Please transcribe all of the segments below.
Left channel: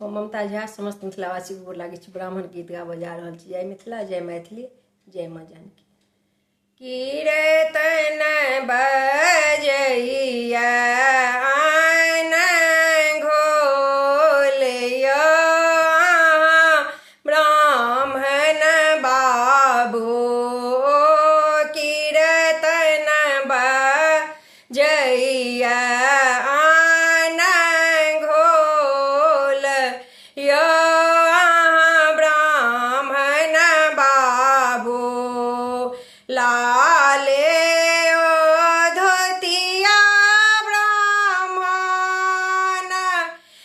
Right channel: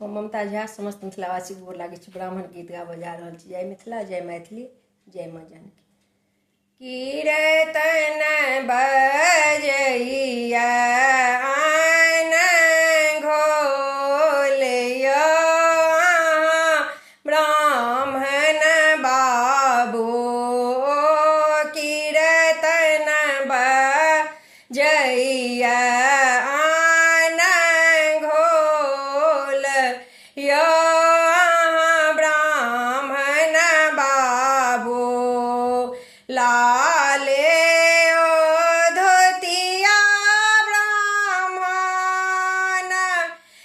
हम ममता झा समस्त मिथिलावासी गोर लागै छी। ब्राह्मण गीत गाबऽ जा रहल छी। जय मिथिला, जय मैथिली, जय माँ जानकी। कीर्तन बजैया आन घोलियो ब्राह्मण बाबू, कीर्तन बजैया आन घोलियो ब्राह्मण बाबू। लाले ओ धोतिया ब्राह्मण,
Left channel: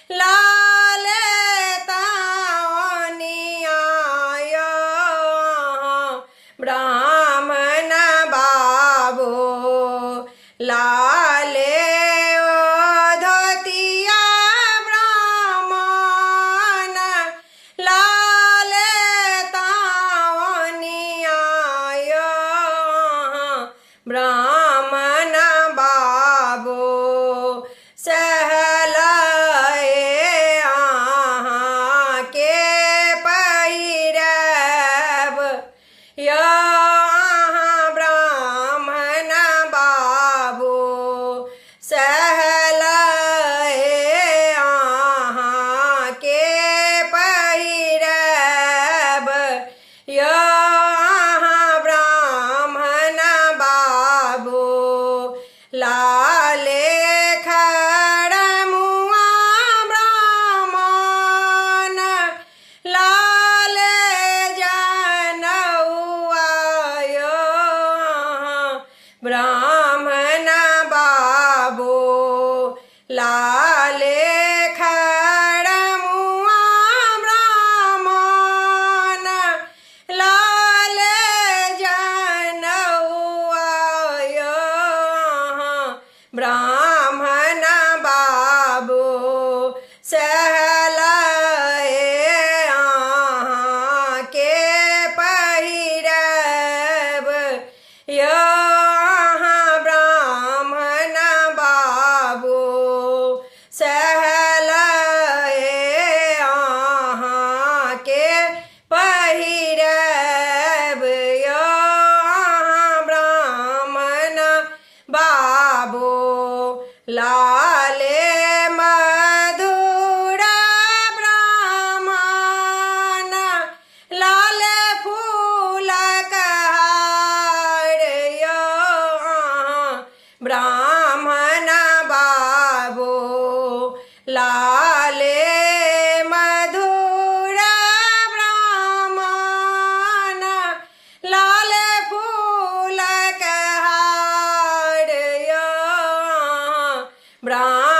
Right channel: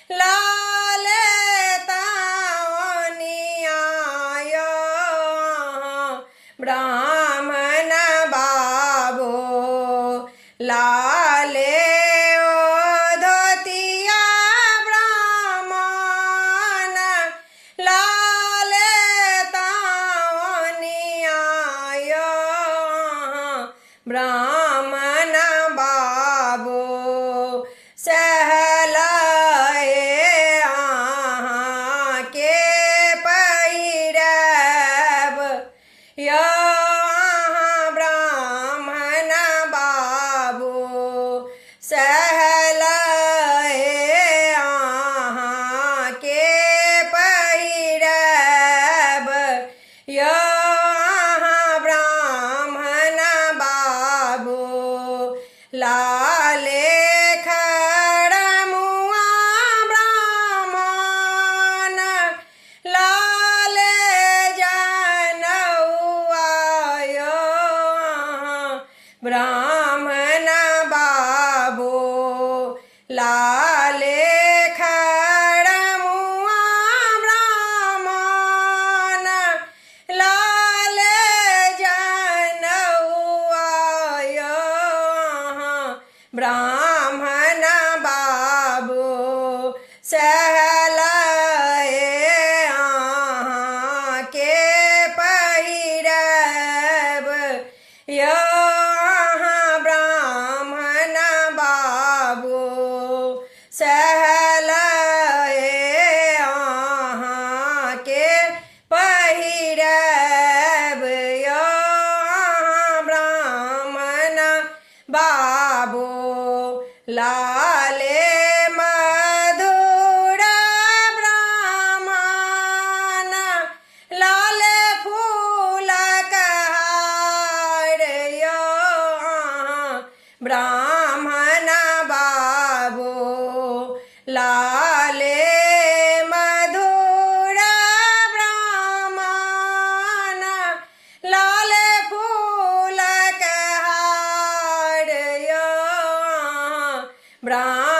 लाले तावनिया ब्राह्मण बाबू। लाले ओ धोतिया ब्राह्मण, लाले तावनिया ब्राह्मण बाबू। सहलाए अहाँ के पहिरब यो ब्राह्मण बाबू। सहलाए अहाँ के पहिरब यो ब्राह्मण बाबू। लाले खड़मुआ ब्राह्मण, लाले जनौआ यो ब्राह्मण बाबू। लाले खड़मुआ ब्राह्मण, लाले जनौआ यो ब्राह्मण बाबू। सहलाए अहाँ के पहिरब यो ब्राह्मण बाबू। सहलाए अहाँ के पहिरब यो ब्राह्मण बाबू। लाले मधुर ब्राह्मण, लाले फूलक हार यो ब्राह्मण बाबू। लाले मधुर ब्राह्मण, लाले फूलक हार यो ब्राह्मण